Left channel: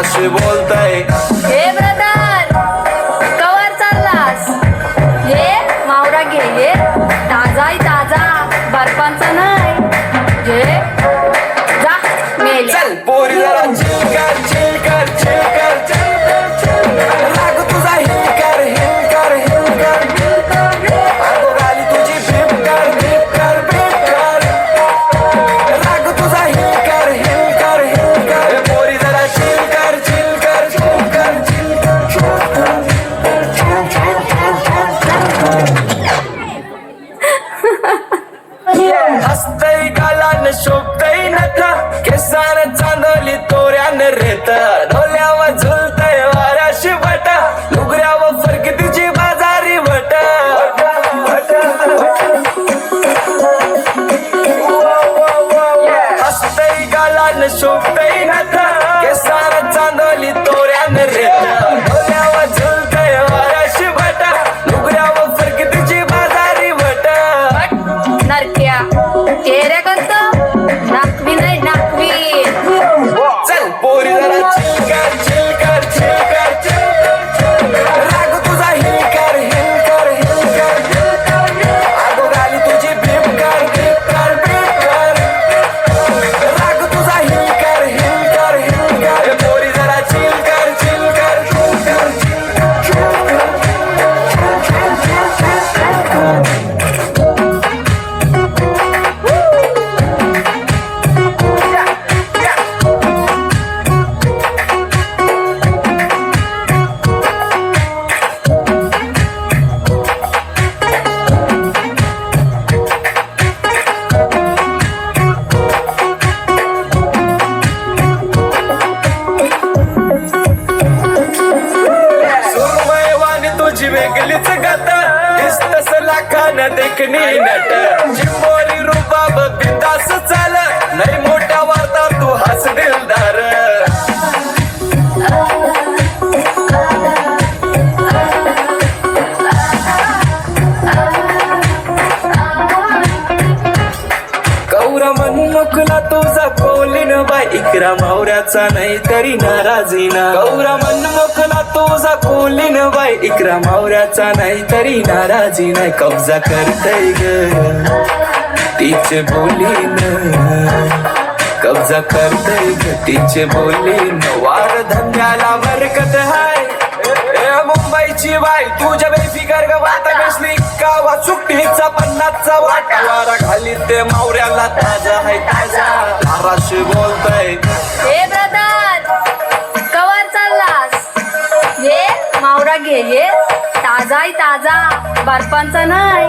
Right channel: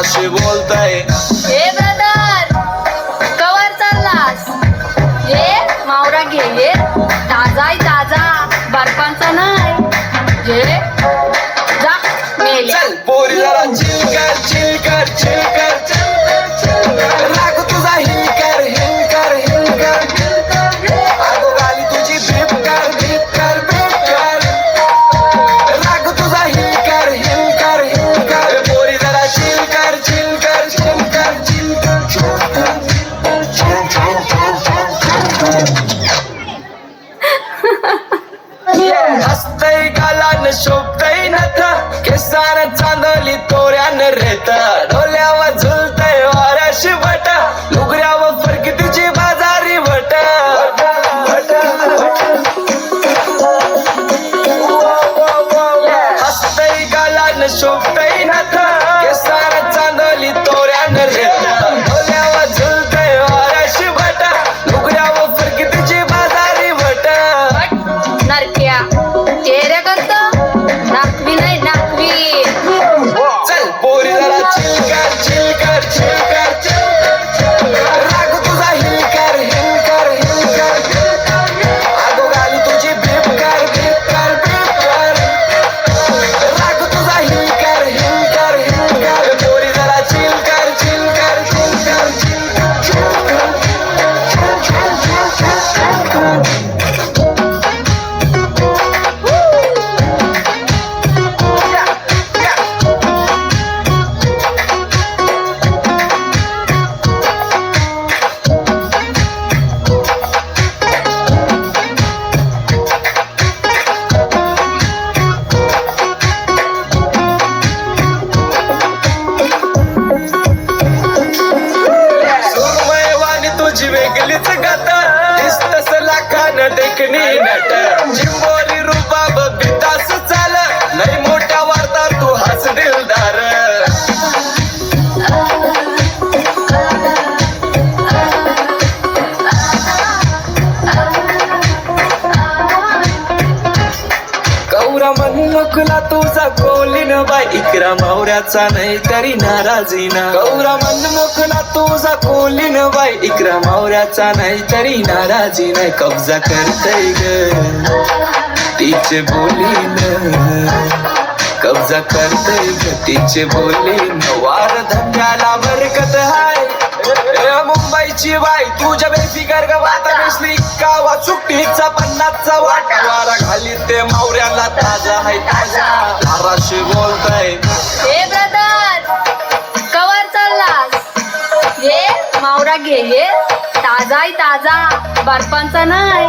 más se voltea. हसतय गालान शोभतय नत. केसान चांदोली तोऱ्यान रेत. डोल्यावर झुल वेगळीच गाता दिसतस लाखान देखणी नट जिंबोर लेकरा मावऱ्याचा नाही तरी नाराजी ना. गौरा मनमोखला तुझा कोलीन बाई. इकरा मावऱ्याचा नाही तरी नाराजी नाही. कब्जा करतय ग. तिचे न कब्जा करतय ग. तिचे बोलीन. वार धंद्याला बरकत हाय. मुंबईची बाई तुझ्या बेफिकर ग वाता बेसली. कावा सुट्टीचा पन्नासचा वाटा. वारा घालीत ते मावऱ्याला ताजा हाय ताजा बोलताय. पोरा गेले. ताजा ताजा बर्फांचा नाही